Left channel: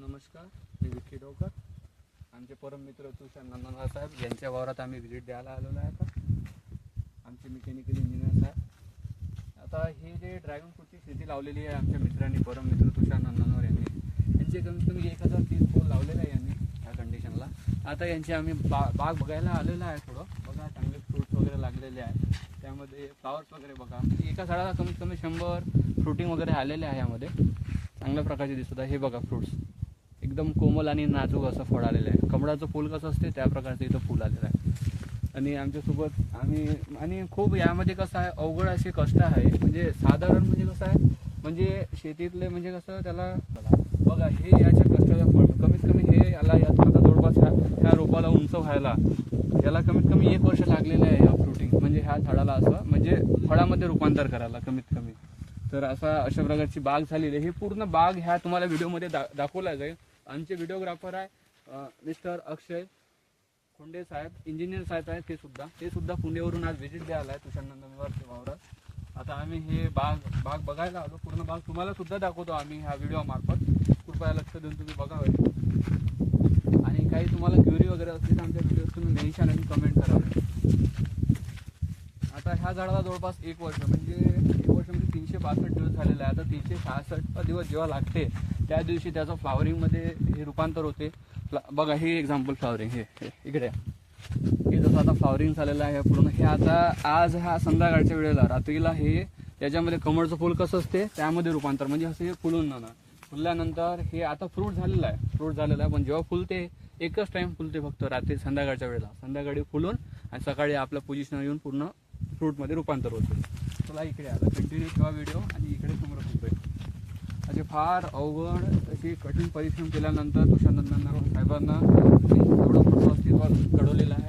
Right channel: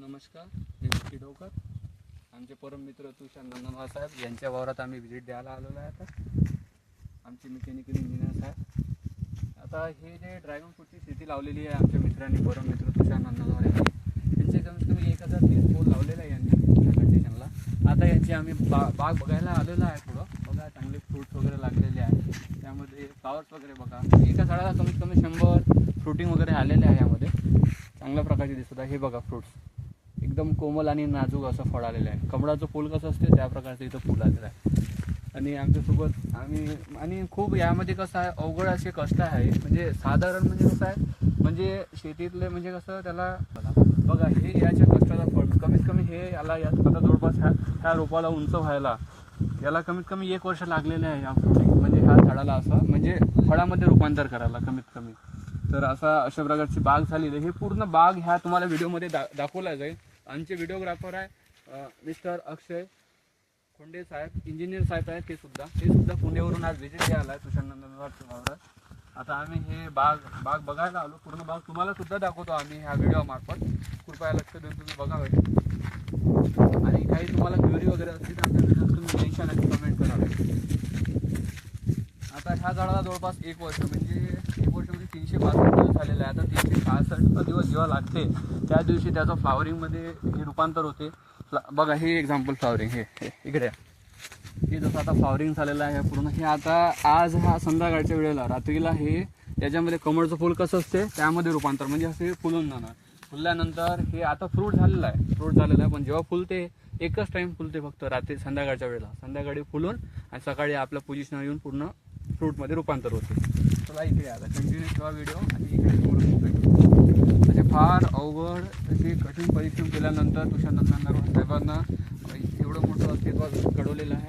नमस्कार, मी विकी डोकर. आमचे परम मित्र तुषार नंदनवार साहेब यांच्या वावरात आम्ही व्हिजिट द्यायला आलेलो आहे. आता आमचे मेकॅनिकल इंजिनियर साहेब आता हे जे ड्रॅगन फ्रूटची शेती लावलेली आहे आमच्या मित्रांनी, परम मित्र तुषार नंदनवार यांचे कमीत कमी 1030 पोल लावलेला आहे यांनी या कंडिशनला. आता यांची आम्ही बाग बघायला आलेलो आहे. थोडं बघा, चांगले फ्रूट्स वगैरे लागलेले आहे. त्यामध्ये फ्लावर्स वगैरे बघा, एका झाडाला कमीत कमी 100 फ्रुटिंग वगैरे आलेले आहे. यामध्ये चांगल्या प्रकारचे दिसत आहे. हे बघा, फ्रूट्स एकदम कोमल आणि नाजूक असं फळ आलेलं आहे. कमळाचं फूल कसं असते त्या प्रकारचं इथं फूल आलेलं आहे. आणि आमच्यासोबत आणि खूप यामध्ये कसं आहे, अवघड असे कष्ट आहे. म्हणजे साधारण म्हणजे कसं आहे, म्हणजे शेतीतले म्हणजे कसं त्याला बघा, हे याच्या कष्टाचा फळ कमीत कमी हे याला आता जवळपास ह्या रोपाला उंच व्हायला याला कमीत कमी 1 वर्ष लागलेलं आहे. या फ्रुटिंग म्हणजे ह्या झाडाला असं म्हणजे फळामध्ये रूपांतर करायला कमीत कमी. तर अशा प्रकारची बाग झालेली आहे. ही पूर्ण बाग ह्या तुम्हाला व्हिडिओमध्ये दाखवला जाईल. आमचे व्हिडिओग्राफर आहे मिस्टर अक्षय खोंडे साहेब, इंजिनियर साहेब आहेत. ते सुद्धा पुण्यावरून आज व्हिजिट द्यायला आहे तुषार नंदनवार वावरात. आता आम्ही हे बाग बघायला आलो. पूर्ण बाग तुम्हाला सुद्धा दाखवतो आम्ही ह्या व्हिडिओ मार्फत. कृपया लक्ष देऊन तुम्ही बघावे. आणि काही तुम्हाला क्वेरी वगैरे असतील तर आमच्या व्हिडिओ तुम्ही मेन्शन आणि कमेंट करावे. आता ह्या झाडाला जवळपास 1 वर्ष म्हणजे 362 दिवस झालेले आहे. आता 366 दिवस जेव्हा लागते त्या दिवशी त्याचं फ्लावरिंगमध्ये हे रूपांतर होते. बघा, हे एक्झाम्पल फ्लावरिंग हे इकडे हे जसं आता फ्लावरिंग झालेलं आहे पूर्ण. हे आता आज ह्या संध्याकाळच्या वेळेला रात्रीला हे त्याच्यामध्ये कमळचं फूल कसं असते त्यामध्ये रूपांतर म्हणजे असं हे फुलून जाणार. फुलल्यानंतर हे आता फ्रूट झालेलं आहे. पण जेव्हा फुलते एकच टाईम फुलते फक्त रात्री संध्याकाळच्या वेळेला. संध्याकाळी फुलून आणि सकाळी आपल्या पोझिशनवर येऊन पूर्ण फ्रूटमध्ये रूपांतर होते. चला इकडे आता कंटिन्यू ठेवा व्हिडिओ आणि इकडे समोर भेटू. असे फार अवघड असे कठीण परिश्रम केल्यानंतर तुषार नंदनवार साहेबांना एवढं मोठं अस्तित्व घडवलेलं आहे.